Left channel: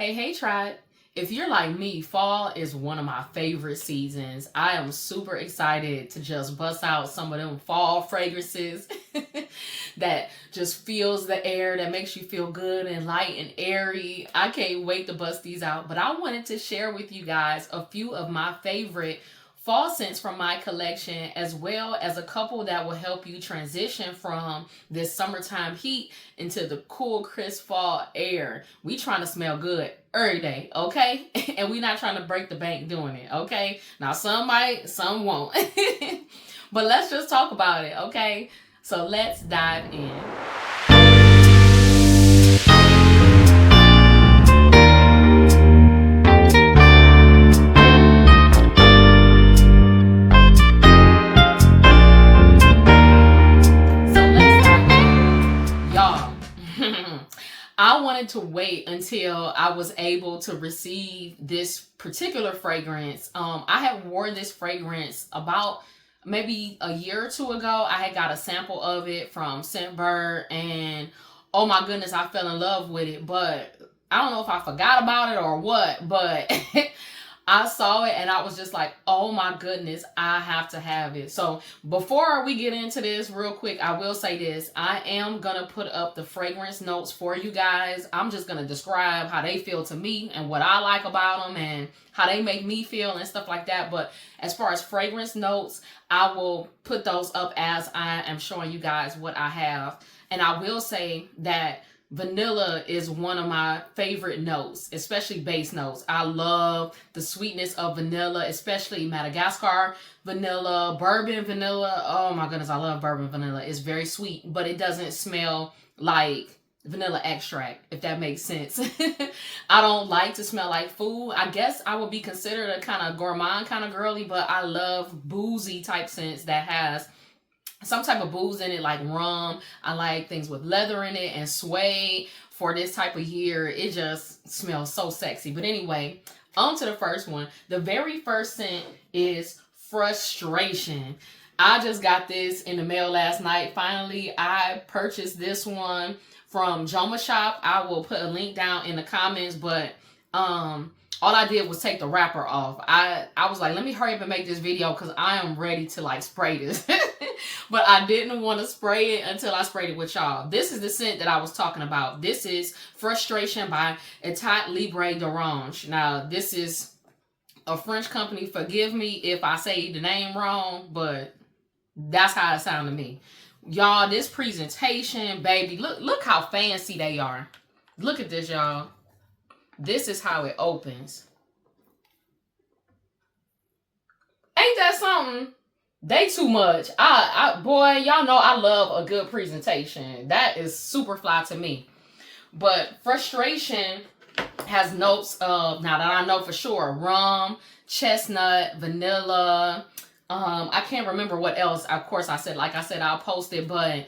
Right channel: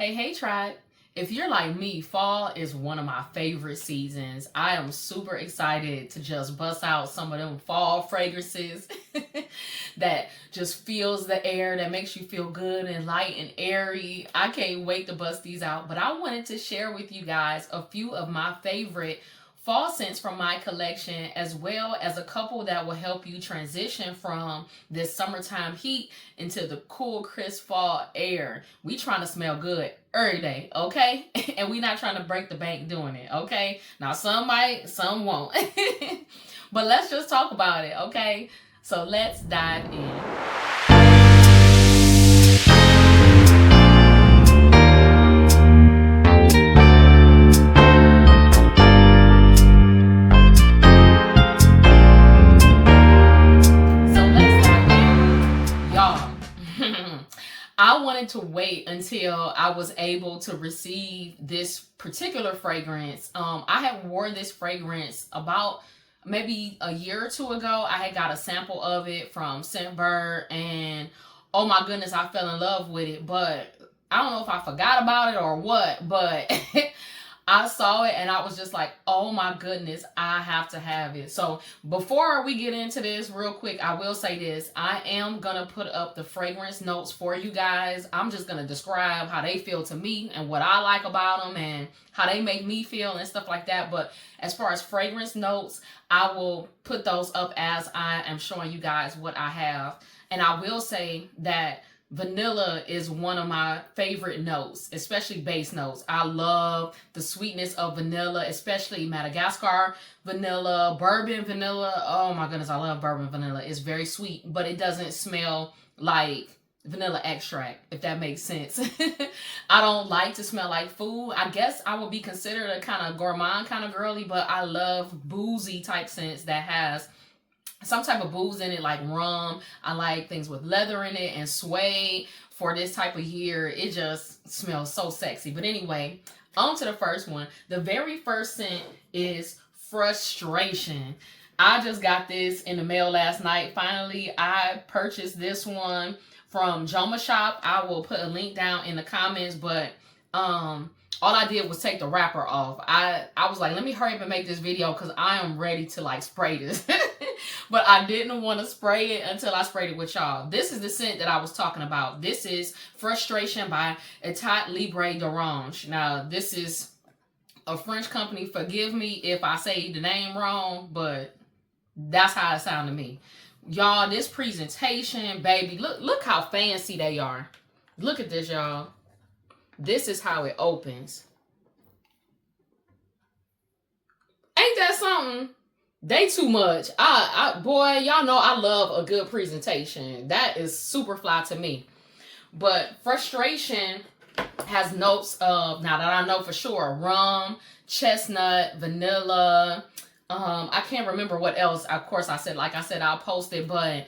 Hey, tribe. If you're like me, fall is one of my favorite seasons. I am super excited to just bust out some of them fall fragrances that just fills the air, that makes you feel good and light and airy. I can't wait to bust these out. But I wanted to share with you guys a few of my favorite fall scents from my collection, as well as a couple that will help you transition from this summertime heat into the cool, crisp fall air. We trying to smell good every day, okay? And we not trying to break the bank doing it, okay? Now, some might, some won't. But let's just talk about it, okay? So let's dive in. I wanted to wait until I was able to receive this particular fragrance. I had worn this fragrance about maybe a year or two ago. I had got a sample of it from Scentbird, and oh my goodness, I fell in love with it. But I don't know if I forgot about it or what, but I saw it and I was just like, oh my goodness, I have to have it. So before we get into this real quick, I will say this. I am going to put up the fragrance notes for you guys. I'm just going to describe how they feel to me and what I like about them and how they make me feel and stuff like that. But as far as fragrance notes, I will put those up as I am showing you guys what I have. And I will say that vanilla is one of my favorite notes, especially base notes. I love the sweetness of vanilla, especially Madagascar vanilla, bourbon vanilla. Oh my goodness, I love bourbon vanilla. It's very sweet, but it doesn't smell like vanilla extract, if that makes sense. I don't like to smell like food. I guess I would be considered a kind of gourmand kind of girly, but I love boozy type scents that has some type of booze in it, like rum. I like things with leather in it and suede. For this type of year, it just smells so sexy. But anyway, on to the first one. The very first scent is Frustration. I just got this in the mail last night. Finally, I purchased this one from Joma Shop. I will put a link down in the comments, but all I did was take the wrapper off. I was like, let me hurry up and make this video because I am ready to like spray this. But I didn't want to spray it until I sprayed it with y'all. This is the scent that I was talking about. This is Frustration by Etat Libre d'Orange. Now, this is a French company. Forgive me if I say the name wrong, but that's how it sounded to me. Y'all, this presentation, baby, look how fancy they are. Look at this, y'all. This is how it opens. Ain't that something? They too much. Boy, y'all know I love a good presentation. That is super fly to me. But Frustration has notes of, now that I know for sure, rum, chestnut, vanilla. I can't remember what else. Of course, like I said, I'll post it, but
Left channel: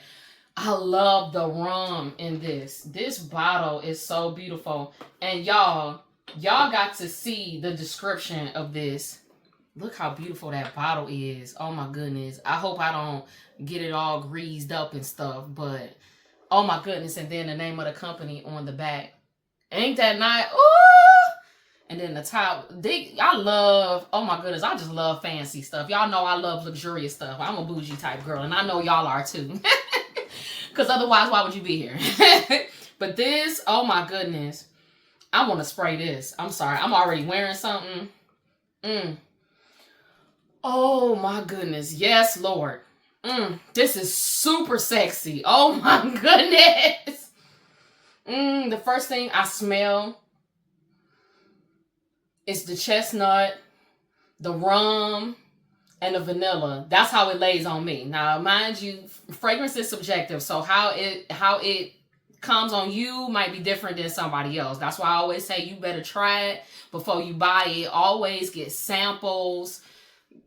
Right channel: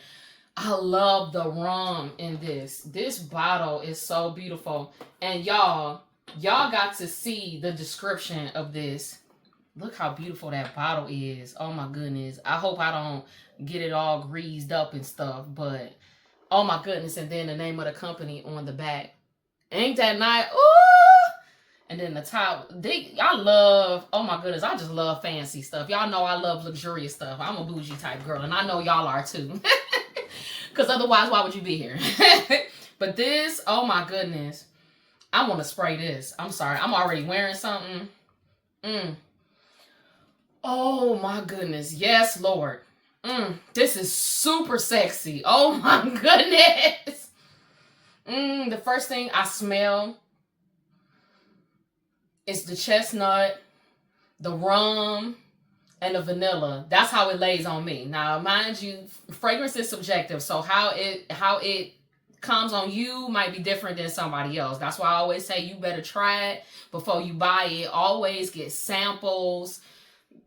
I love the rum in this. This bottle is so beautiful. And y'all got to see the description of this. Look how beautiful that bottle is. Oh my goodness. I hope I don't get it all greased up and stuff, but oh my goodness. And then the name of the company on the back. Ain't that nice? Ooh! And then the top, I love, oh my goodness, I just love fancy stuff. Y'all know I love luxurious stuff. I'm a bougie type girl, and I know y'all are too. Because otherwise, why would you be here? But this, oh my goodness. I want to spray this. I'm sorry. I'm already wearing something. Oh my goodness. Yes, Lord. This is super sexy. Oh my goodness. The first thing I smell is the chestnut, the rum, and the vanilla. That's how it lays on me. Now, mind you, fragrance is subjective. So how it comes on you might be different than somebody else. That's why I always say you better try it before you buy it. Always get samples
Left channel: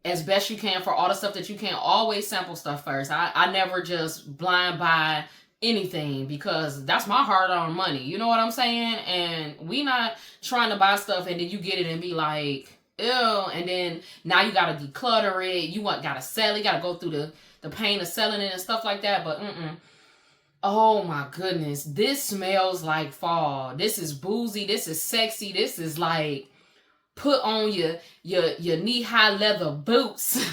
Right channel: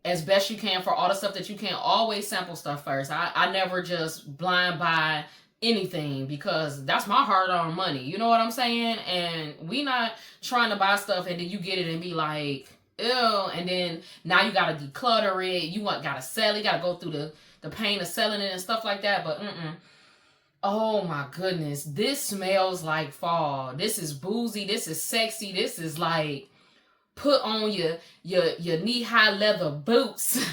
as best you can for all the stuff that you can. Always sample stuff first. I never just blind buy anything because that's my hard-earned money. You know what I'm saying? And we not trying to buy stuff and then you get it and be like, ew, and then now you gotta declutter it. You gotta sell it. You gotta go through the pain of selling it and stuff like that. But Oh my goodness. This smells like fall. This is boozy. This is sexy. This is like put on your knee-high leather boots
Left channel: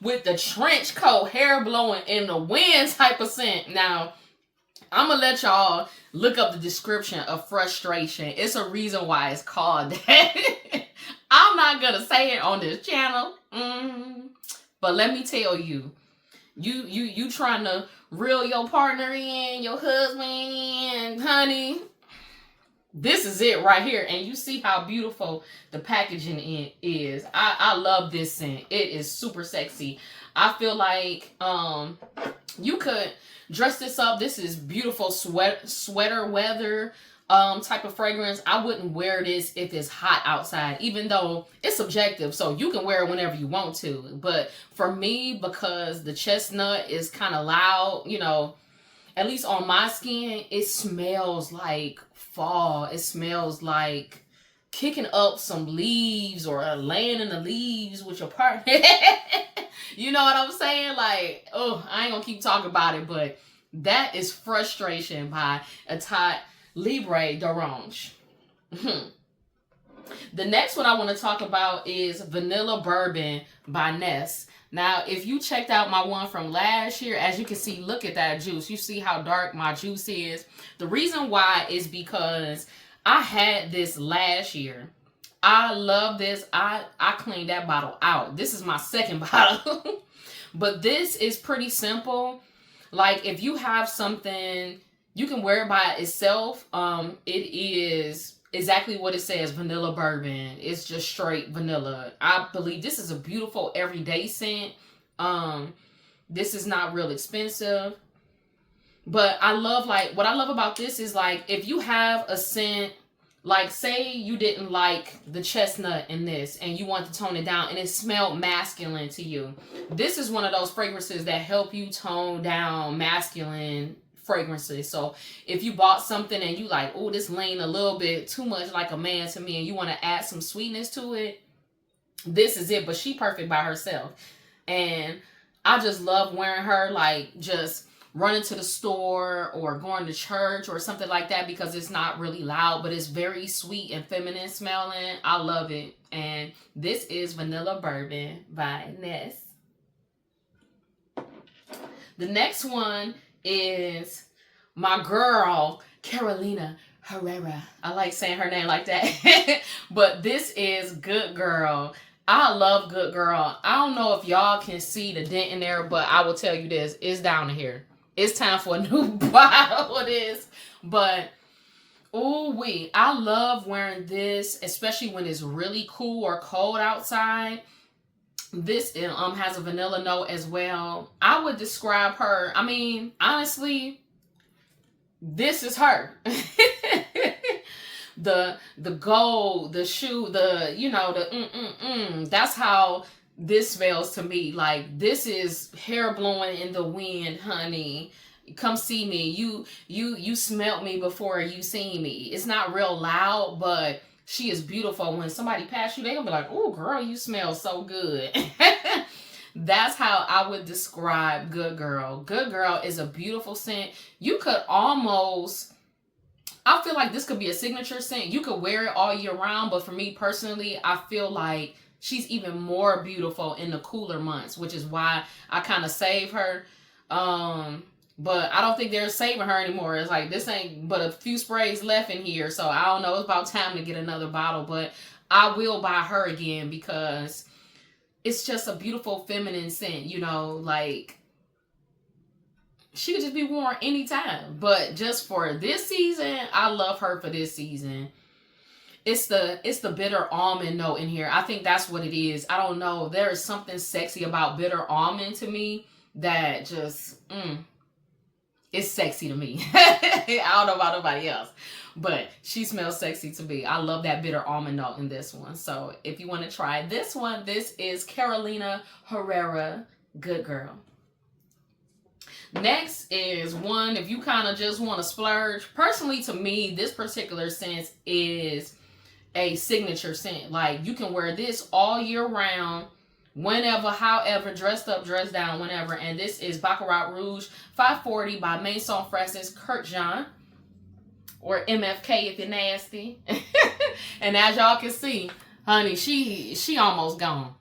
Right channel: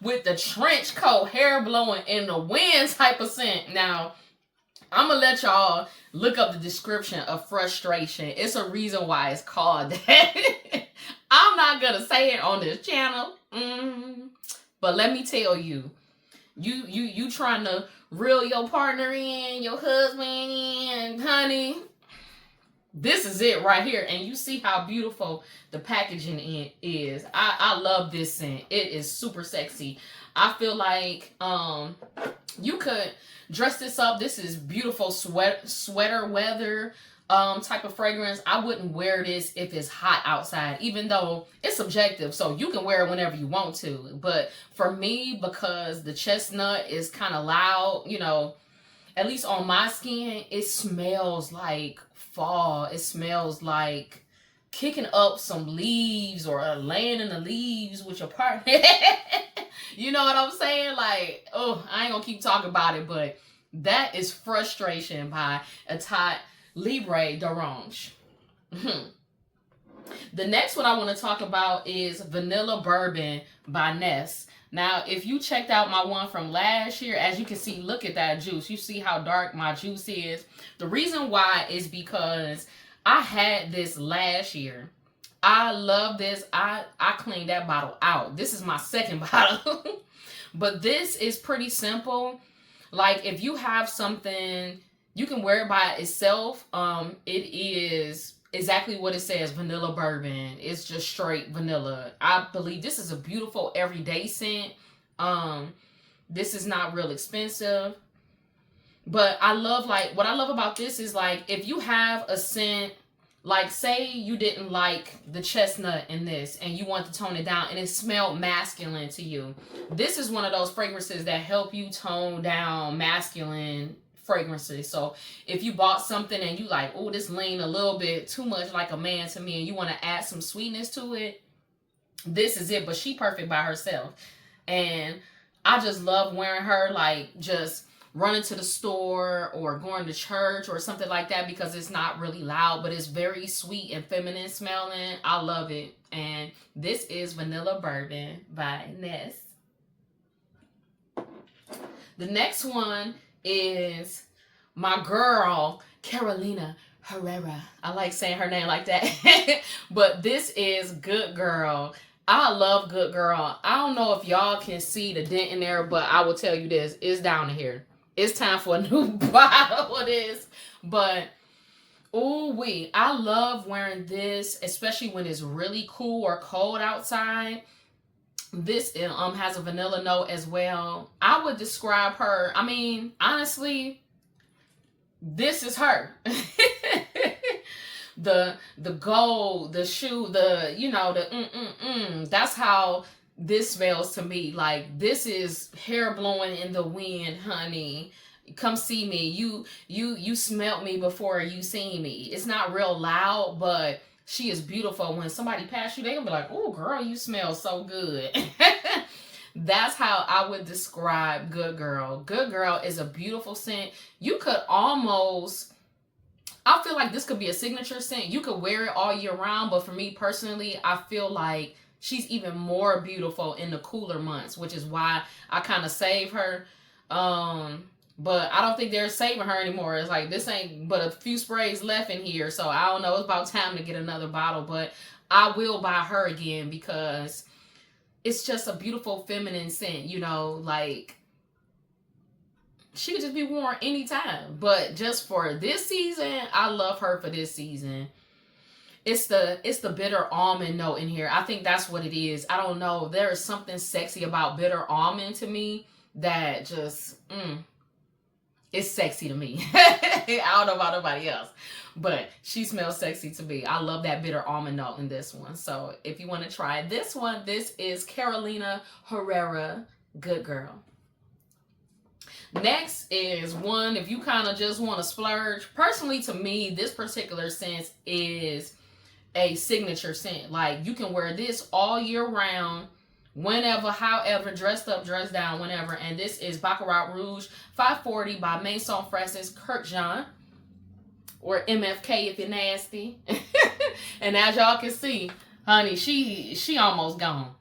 with the trench coat, hair blowing in the wind type of scent. Now, I'm gonna let y'all look up the description of frustration. It's a reason why it's called that. I'm not gonna say it on this channel. But let me tell you, you trying to reel your partner in, your husband in, honey. This is it right here. And you see how beautiful the packaging is. I love this scent. It is super sexy. I feel like you could dress this up. This is beautiful sweater weather type of fragrance. I wouldn't wear this if it's hot outside, even though it's subjective. So you can wear it whenever you want to. But for me, because the chestnut is kind of loud, you know, at least on my skin, it smells like fall. It smells like kicking up some leaves or laying in the leaves with your partner. You know what I'm saying? Like, oh, I ain't gonna keep talking about it, but that is Frustration by Etat Libre d'Orange. The next one I want to talk about is Vanilla Bourbon by Ness. Now, if you checked out my one from last year, as you can see, look at that juice. You see how dark my juice is. The reason why is because I had this last year. I love this. I cleaned that bottle out. This is my second bottle. But this is pretty simple. Like, if you have something, you can wear it by itself. It is exactly what it says, vanilla bourbon. It's just straight vanilla. I believe this is a beautiful everyday scent. This is not real expensive. But I love, like, what I love about this is, like, if you have a scent, like, say you didn't like the chestnut in this and you want to tone it down and it smelled masculine to you. This is one of those fragrances that help you tone down masculine fragrances. So if you bought something and you like, oh, this lean a little bit too much like a man to me and you want to add some sweetness to it, this is it. But she perfect by herself. And I just love wearing her, like, just running to the store or going to church or something like that, because it's not really loud, but it's very sweet and feminine smelling. I love it. And this is Vanilla Bourbon by Ness. The next one is my girl, Carolina Herrera. I like saying her name like that. But this is Good Girl. I love Good Girl. I don't know if y'all can see the dent in there, but I will tell you this. It's down to here. It's time for a new bottle of this. But, ooh-wee, I love wearing this, especially when it's really cool or cold outside. This has a vanilla note as well. I would describe her, I mean, honestly, this is her. The gold, the shoe, the, you know, the that's how this smells to me. Like, this is hair blowing in the wind, honey. Come see me. You smelt me before you seen me. It's not real loud, but she is beautiful. When somebody pass you, they gonna be like, oh, girl, you smell so good. That's how I would describe Good Girl. Good Girl is a beautiful scent. You could almost, I feel like this could be a signature scent. You could wear it all year round, but for me personally, I feel like she's even more beautiful in the cooler months, which is why I kind of save her. But I don't think they're saving her anymore. It's like, this ain't but a few sprays left in here. So I don't know. It's about time to get another bottle. But I will buy her again because it's just a beautiful feminine scent. You know, like, she could just be worn anytime. But just for this season, I love her for this season. It's the bitter almond note in here. I think that's what it is. I don't know. There is something sexy about bitter almond to me that just, it's sexy to me. I don't know about nobody else, but she smells sexy to me. I love that bitter almond note in this one. So if you want to try this one, this is Carolina Herrera, Good Girl. Next is one, if you kind of just want to splurge. Personally, to me, this particular scent is a signature scent. Like, you can wear this all year round. whenever, however, dressed up, dressed down, whenever. And this is Baccarat Rouge 540 by Maison Francis Kurkdjian, or MFK if you're nasty. And as y'all can see, honey, she almost gone.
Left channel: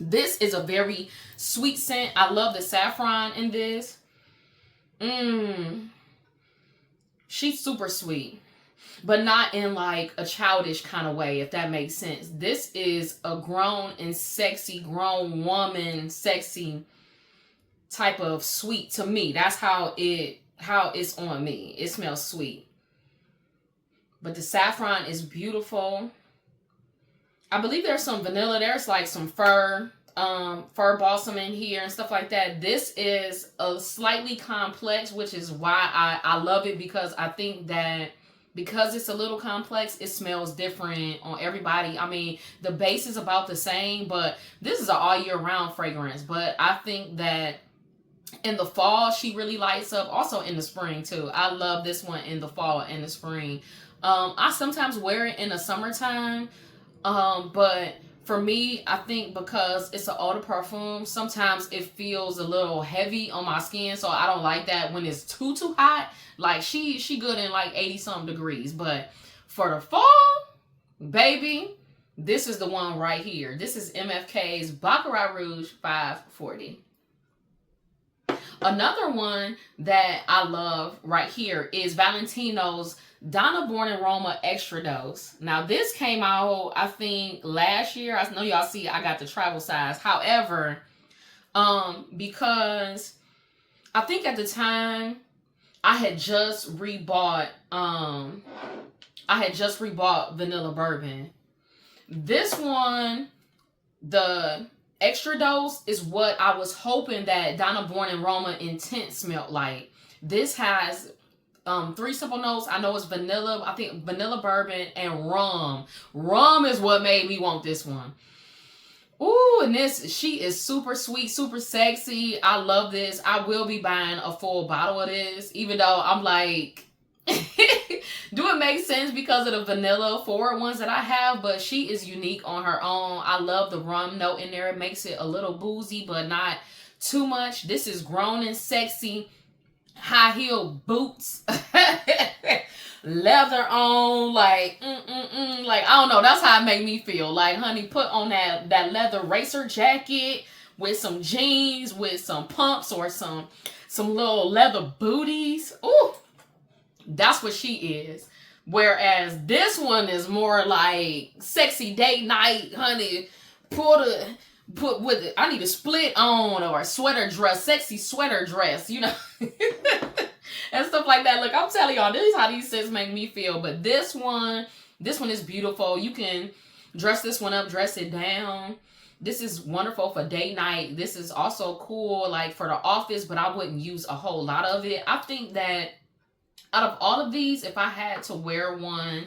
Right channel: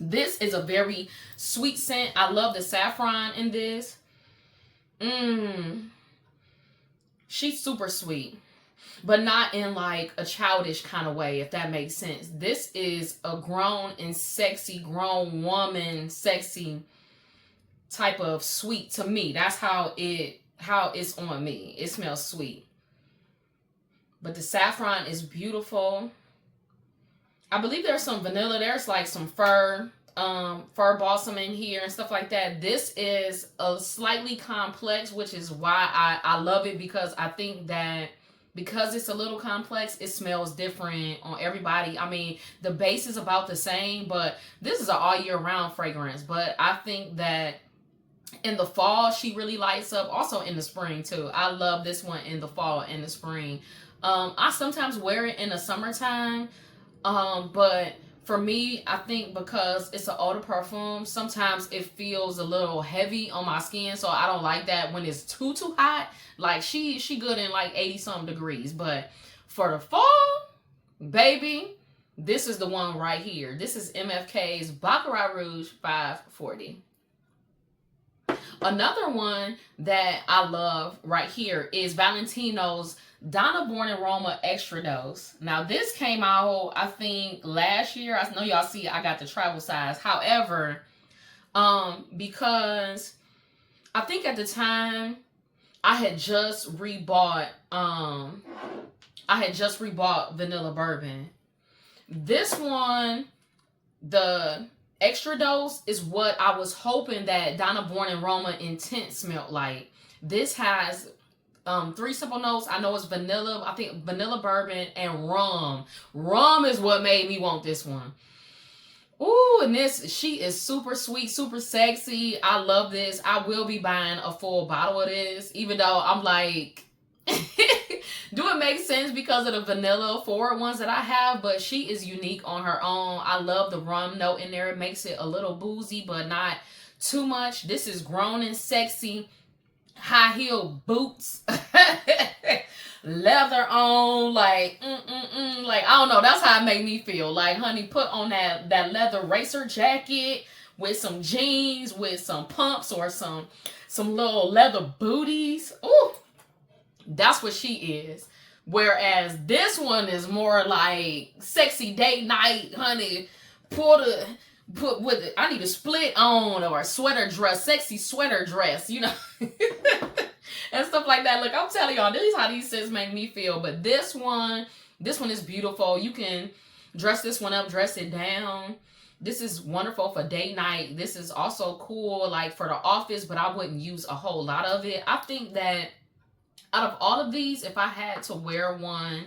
This is a very sweet scent. I love the saffron in this. She's super sweet, but not in like a childish kind of way, if that makes sense. This is a grown and sexy, grown woman, sexy type of sweet to me. That's how it's on me. It smells sweet. But the saffron is beautiful. I believe there's some vanilla. There's like some fir balsam in here and stuff like that. This is a slightly complex, which is why I love it, because I think that because it's a little complex, it smells different on everybody. I mean, the base is about the same, but this is an all year round fragrance. But I think that in the fall, she really lights up. Also in the spring too. I love this one in the fall and the spring. I sometimes wear it in the summertime. But for me, I think because it's an eau de parfum, sometimes it feels a little heavy on my skin. So I don't like that when it's too hot. Like she good in like 80-something degrees. But for the fall, baby, this is the one right here. This is MFK's Baccarat Rouge 540. Another one that I love right here is Valentino's Donna Born in Roma Extradose. Now this came out, I think, last year. I know y'all see I got the travel size. However, because I think at the time I had just rebought Vanilla Bourbon. This one, the Extradose, is what I was hoping that Donna Born in Roma Intense smelled like. This has 3 simple notes. I know it's vanilla. I think vanilla bourbon and rum. Rum is what made me want this one. Ooh, and she is super sweet, super sexy. I love this. I will be buying a full bottle of this, even though I'm like, do it make sense because of the vanilla forward ones that I have? But she is unique on her own. I love the rum note in there. It makes it a little boozy, but not too much. This is grown and sexy. High heel boots, leather on, like, like, I don't know. That's how it make me feel. Like, honey, put on that leather racer jacket with some jeans, with some pumps or some little leather booties. Ooh, that's what she is. Whereas this one is more like sexy date night, honey. Put with it. I need a split on or a sweater dress, sexy sweater dress, you know, and stuff like that. Look, I'm telling y'all, this is how these scents make me feel. But this one is beautiful. You can dress this one up, dress it down. This is wonderful for date night. This is also cool, like for the office, but I wouldn't use a whole lot of it. I think that out of all of these, if I had to wear one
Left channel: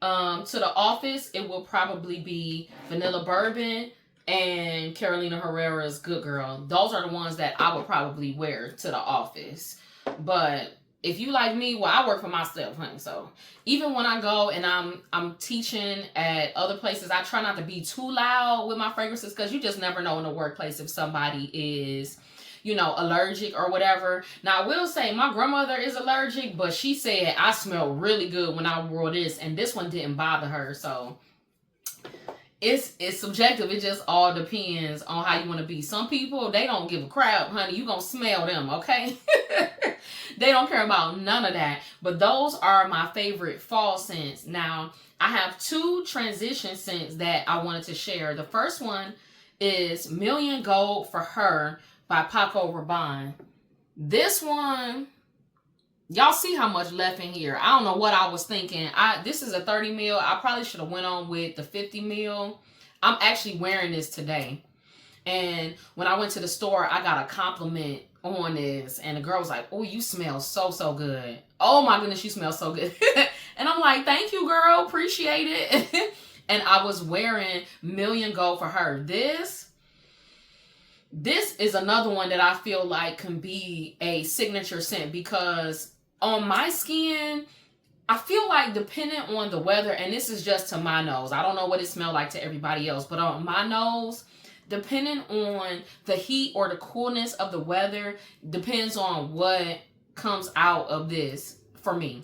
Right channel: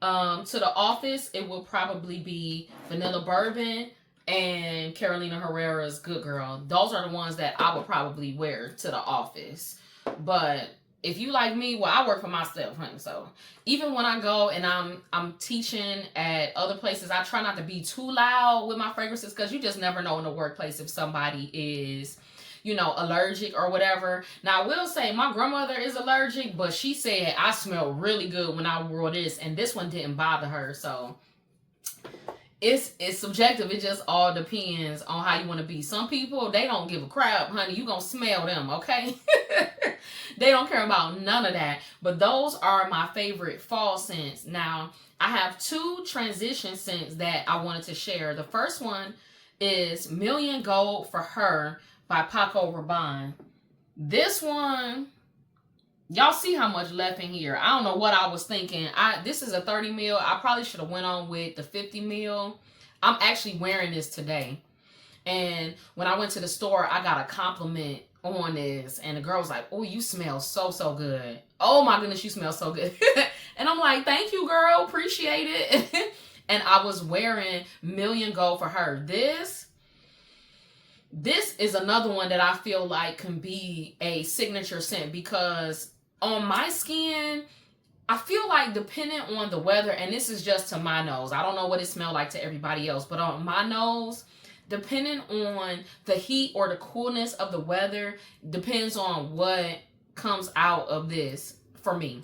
to the office, it would probably be Vanilla Bourbon and Carolina Herrera's Good Girl. Those are the ones that I would probably wear to the office. But if you like me, well, I work for myself, honey. So even when I go and I'm teaching at other places, I try not to be too loud with my fragrances, because you just never know in the workplace if somebody is, you know, allergic or whatever. Now, I will say my grandmother is allergic, but she said I smell really good when I wore this, and this one didn't bother her. So it's subjective. It just all depends on how you want to be. Some people, they don't give a crap, honey. You gonna smell them, okay? They don't care about none of that. But those are my favorite fall scents. Now, I have 2 transition scents that I wanted to share. The first one is Million Gold for Her by Paco Rabanne. This one, y'all see how much left in here. I don't know what I was thinking. This is a 30 mil. I probably should have went on with the 50 mil. I'm actually wearing this today. And when I went to the store, I got a compliment on this. And the girl was like, oh, you smell so good. Oh my goodness, you smell so good. And I'm like, thank you, girl. Appreciate it. And I was wearing Million Gold for Her. This is another one that I feel like can be a signature scent, because on my skin, I feel like depending on the weather, and this is just to my nose, I don't know what it smells like to everybody else, but on my nose, depending on the heat or the coolness of the weather, depends on what comes out of this for me.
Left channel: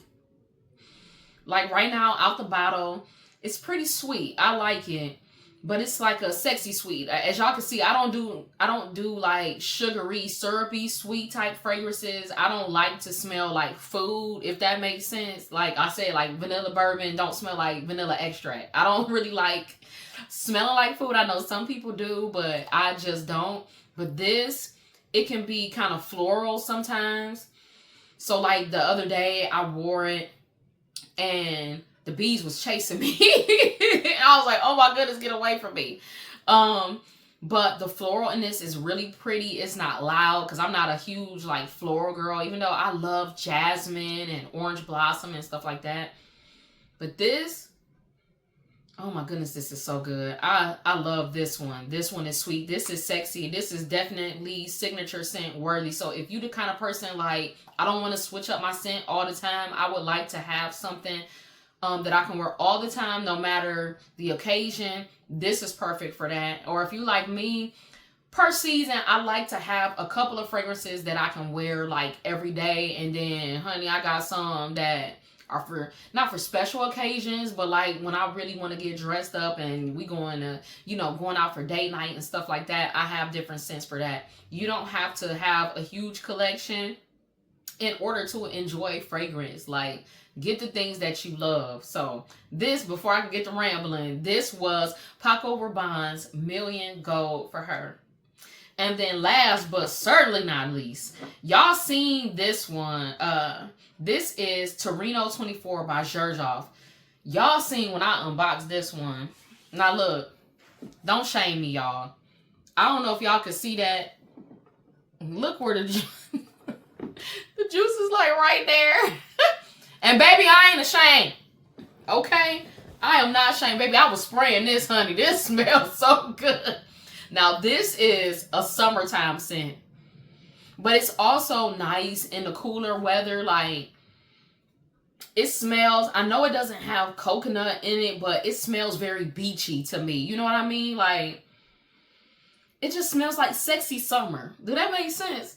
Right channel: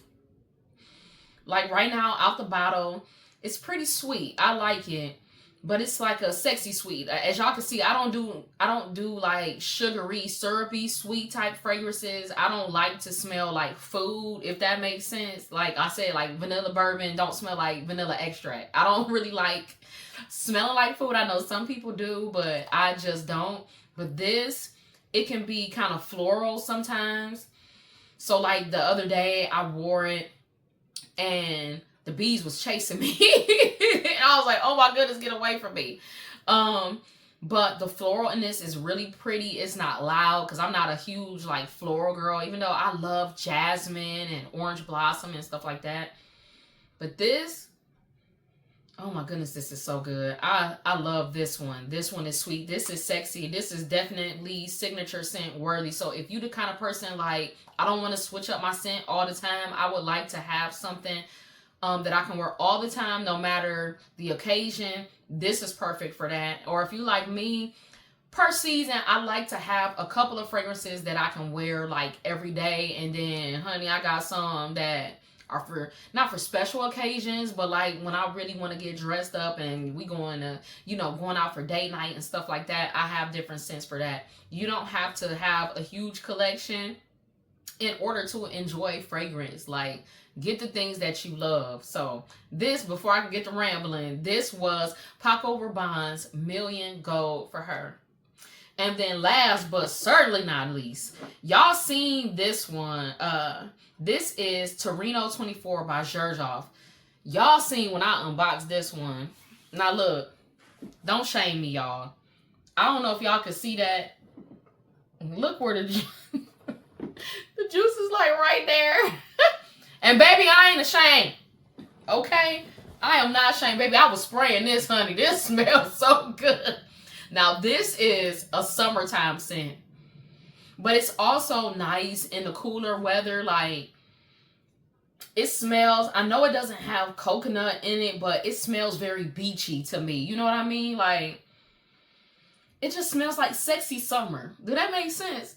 Like right now, out the bottle, it's pretty sweet. I like it, but it's like a sexy sweet. As y'all can see, I don't do like sugary, syrupy, sweet type fragrances. I don't like to smell like food, if that makes sense. Like I said, like vanilla bourbon don't smell like vanilla extract. I don't really like smelling like food. I know some people do, but I just don't. But this, it can be kind of floral sometimes. So like the other day, I wore it and the bees was chasing me. And I was like, oh my goodness, get away from me. But the floral in this is really pretty. It's not loud because I'm not a huge like floral girl, even though I love jasmine and orange blossom and stuff like that. But this, oh my goodness, this is so good. I love this one. This one is sweet. This is sexy. This is definitely signature scent worthy. So if you the kind of person like, I don't want to switch up my scent all the time, I would like to have something that I can wear all the time, no matter the occasion. This is perfect for that. Or if you like me, per season, I like to have a couple of fragrances that I can wear like every day. And then, honey, I got some that are for, not for special occasions, but like when I really want to get dressed up and we going to, you know, going out for date night and stuff like that, I have different scents for that. You don't have to have a huge collection in order to enjoy fragrance. Like, get the things that you love. So this, before I can get to rambling, this was Paco Rabanne's Million Gold for Her. And then last but certainly not least, y'all seen this one. This is Torino 24 by Xerjoff. Y'all seen when I unboxed this one. Now look, don't shame me, y'all. I don't know if y'all can see that. Look where the the juice is like right there. And baby, I ain't ashamed. Okay? I am not ashamed. Baby, I was spraying this, honey. This smells so good. Now, this is a summertime scent. But it's also nice in the cooler weather. Like, it smells, I know it doesn't have coconut in it, but it smells very beachy to me. You know what I mean? Like, it just smells like sexy summer. Do that make sense?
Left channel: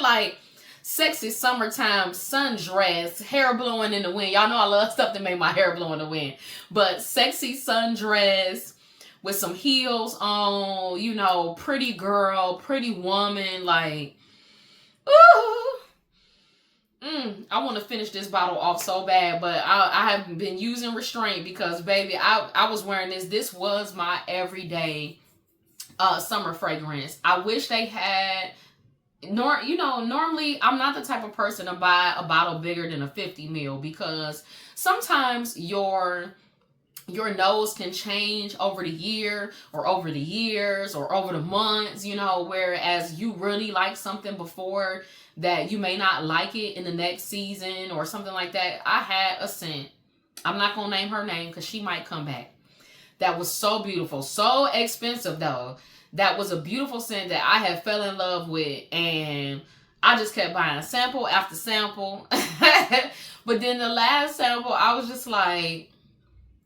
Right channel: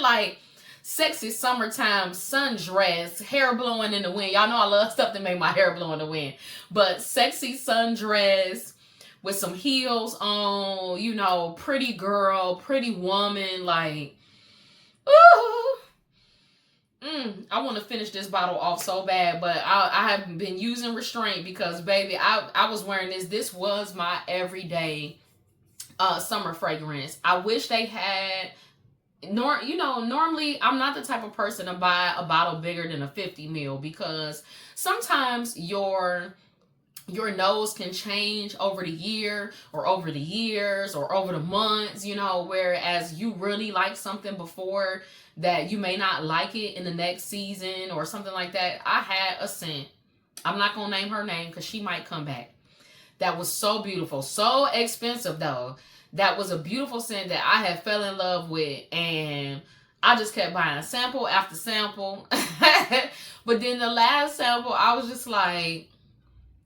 Like, sexy summertime sundress, hair blowing in the wind. Y'all know I love stuff that make my hair blow in the wind. But sexy sundress with some heels on, you know, pretty girl, pretty woman, like, ooh. I want to finish this bottle off so bad, but I have been using restraint because, baby, I was wearing this. This was my everyday summer fragrance. I wish they had... normally I'm not the type of person to buy a bottle bigger than a 50 ml because sometimes your nose can change over the year or over the years or over the months, you know, whereas you really like something before that you may not like it in the next season or something like that. I had a scent. I'm not going to name her name because she might come back. That was so beautiful. So expensive though. That was a beautiful scent that I had fell in love with, and I just kept buying sample after sample. But then the last sample, I was just like,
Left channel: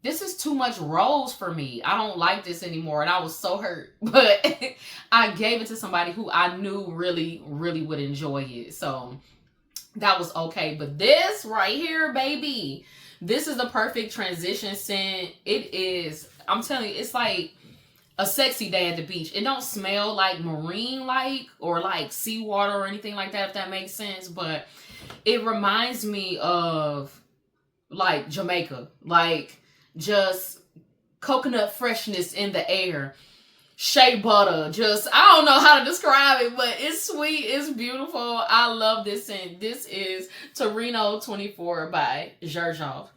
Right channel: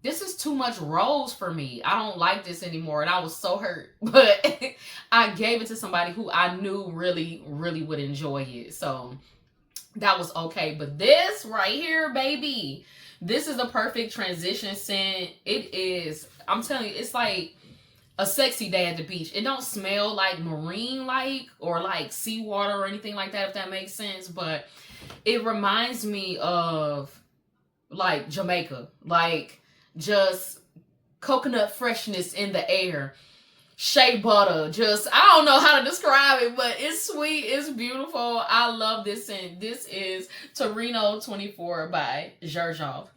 this is too much rose for me. I don't like this anymore, and I was so hurt. But I gave it to somebody who I knew really, really would enjoy it. So that was okay. But this right here, baby, this is the perfect transition scent. It is, I'm telling you, it's like a sexy day at the beach. It don't smell like marine-like or like seawater or anything like that, if that makes sense. But it reminds me of like Jamaica. Like just coconut freshness in the air. Shea butter. Just, I don't know how to describe it, but it's sweet. It's beautiful. I love this scent. This is Torino 24 by Xerjoff.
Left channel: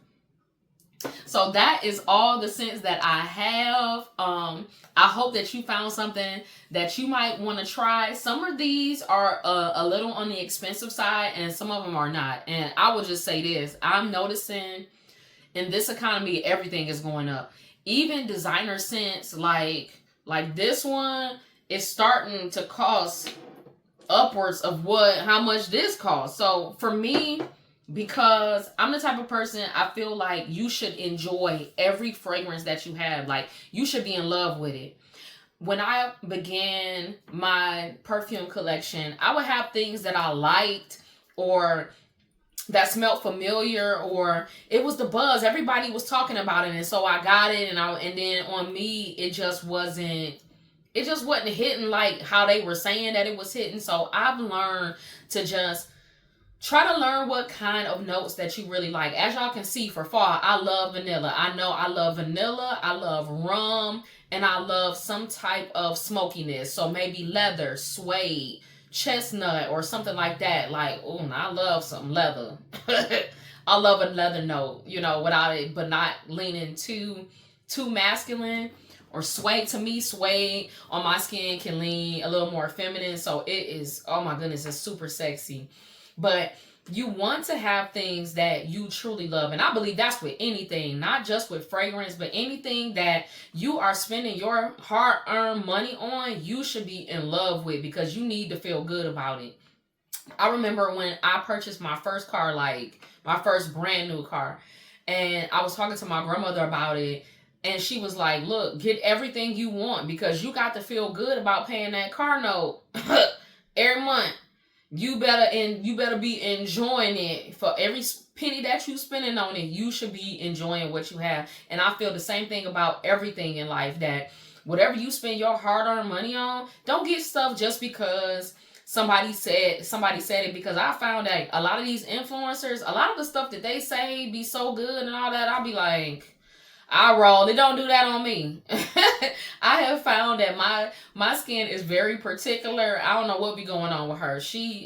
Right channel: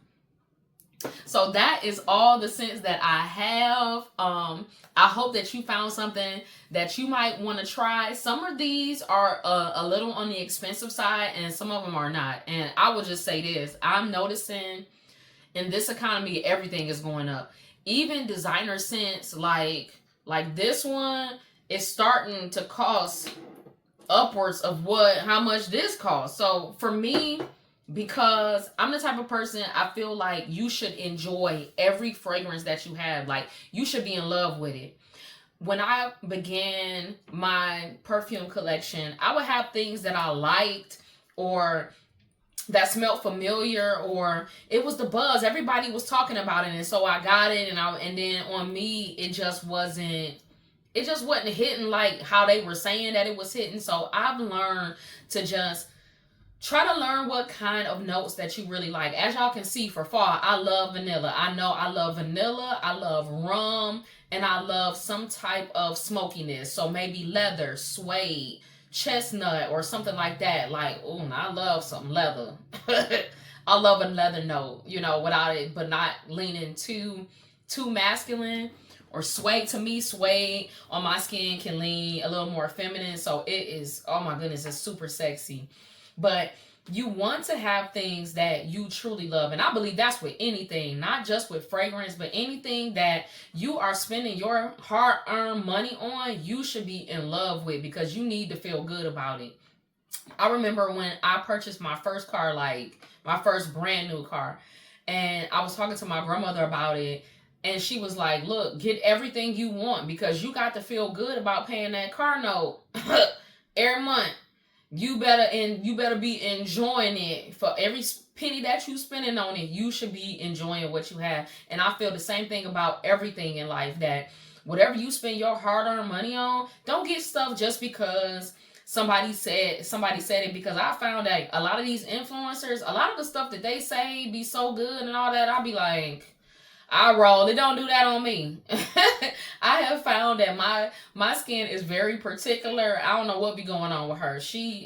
So that is all the scents that I have. I hope that you found something that you might want to try. Some of these are a little on the expensive side and some of them are not. And I will just say this. I'm noticing in this economy, everything is going up. Even designer scents like this one is starting to cost upwards of how much this costs. So for me, because I'm the type of person, I feel like you should enjoy every fragrance that you have. Like, you should be in love with it. when I began my perfume collection, I would have things that I liked or that smelled familiar, or it was the buzz. Everybody was talking about it, and so I got it, and then on me, it just wasn't hitting like how they were saying that it was hitting. So I've learned to just try to learn what kind of notes that you really like. As y'all can see, for fall, I love vanilla. I know I love vanilla. I love rum. And I love some type of smokiness. So maybe leather, suede, chestnut, or something like that. Like, oh, I love some leather. I love a leather note, you know, without it, but not leaning too masculine. Or suede, to me, suede on my skin can lean a little more feminine. So it is, oh my goodness, it's super sexy. But you want to have things that you truly love. And I believe that's with anything, not just with fragrance, but anything that you are spending your hard-earned money on, you should be in love with, because you need to feel good about it. I remember when I purchased my first car, like my first brand new car, and I was talking to my grandmother about it. And she was like, look, get everything you want, because you got to feel good about paying that car note every month. You better be enjoying it. For every penny that you spending on it, you should be enjoying what you have. And I feel the same thing about everything in life, that whatever you spend your hard-earned money on, don't get stuff just because somebody said it. Because I found that a lot of these influencers, a lot of the stuff that they say be so good and all that, I'll be like, I roll. They don't do that on me. I have found that my skin is very particular. I don't know what be going on with her.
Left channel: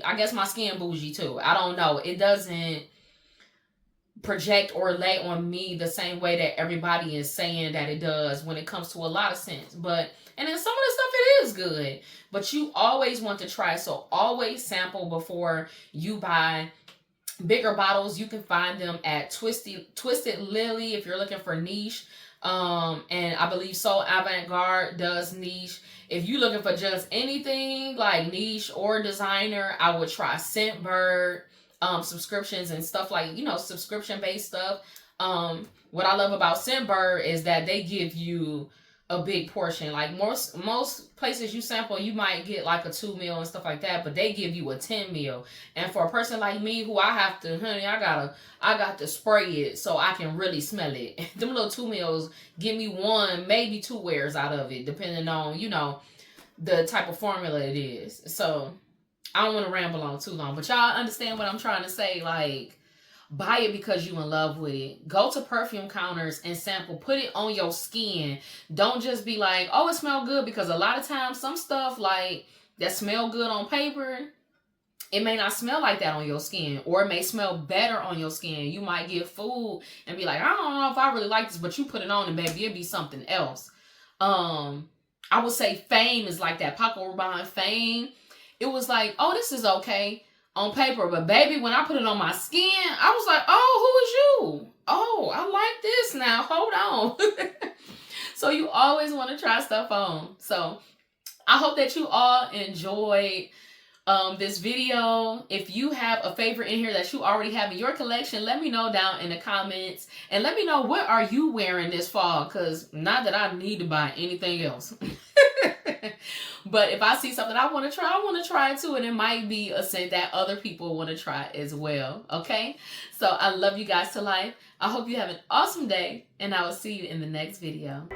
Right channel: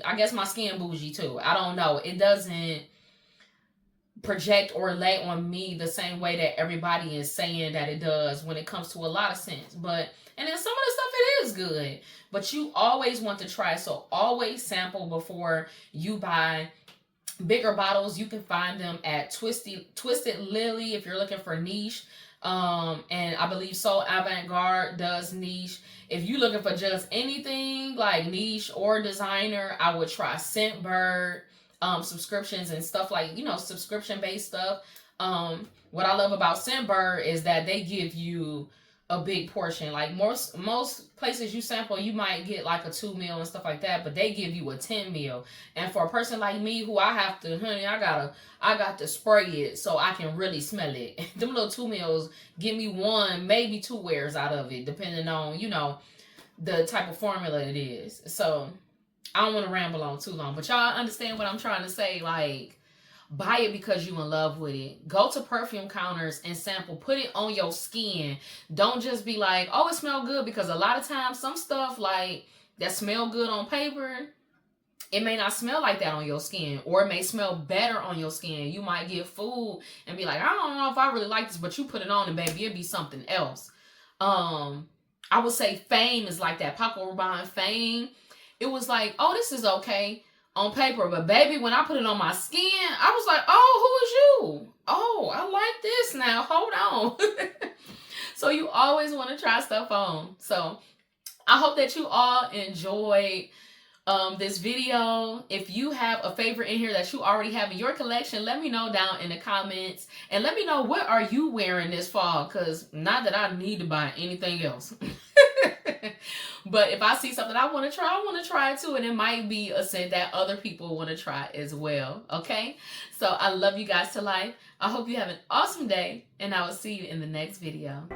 I guess my skin bougie too. I don't know. It doesn't project or lay on me the same way that everybody is saying that it does when it comes to a lot of scents. And then some of the stuff, it is good. But you always want to try. So always sample before you buy. Bigger bottles, you can find them at Twisted Lily if you're looking for niche. And I believe So Avant-Garde does niche. If you're looking for just anything like niche or designer, I would try Scentbird, subscriptions and stuff like, subscription-based stuff. What I love about Scentbird is that they give you a big portion. Like most places you sample, you might get like a 2 mil and stuff like that, but they give you a 10 mil. And for a person like me, who I got to spray it so I can really smell it. Them little 2 mils give me 1, maybe 2 wears out of it, depending on, the type of formula it is. So I don't want to ramble on too long, but y'all understand what I'm trying to say. Like, buy it because you in love with it. Go to perfume counters and sample. Put it on your skin. Don't just be like, oh, it smells good, because a lot of times some stuff like that smell good on paper, it may not smell like that on your skin, or it may smell better on your skin. You might get food and be like, I don't know if I really like this, but you put it on and baby, it'll be something else. I would say Fame is like that. Paco Rabanne Fame. It was like, oh, this is okay on paper, but baby, when I put it on my skin, I was like, oh, who is you? Oh, I like this now. Hold on. So you always want to try stuff on. So I hope that you all enjoyed this video. If you have a favorite in here that you already have in your collection, let me know down in the comments, and let me know what are you wearing this fall, because not that I need to buy anything else. But if I see something I want to try it too. And it might be a scent that other people want to try as well. Okay? So I love you guys to life. I hope you have an awesome day, and I will see you in the next video.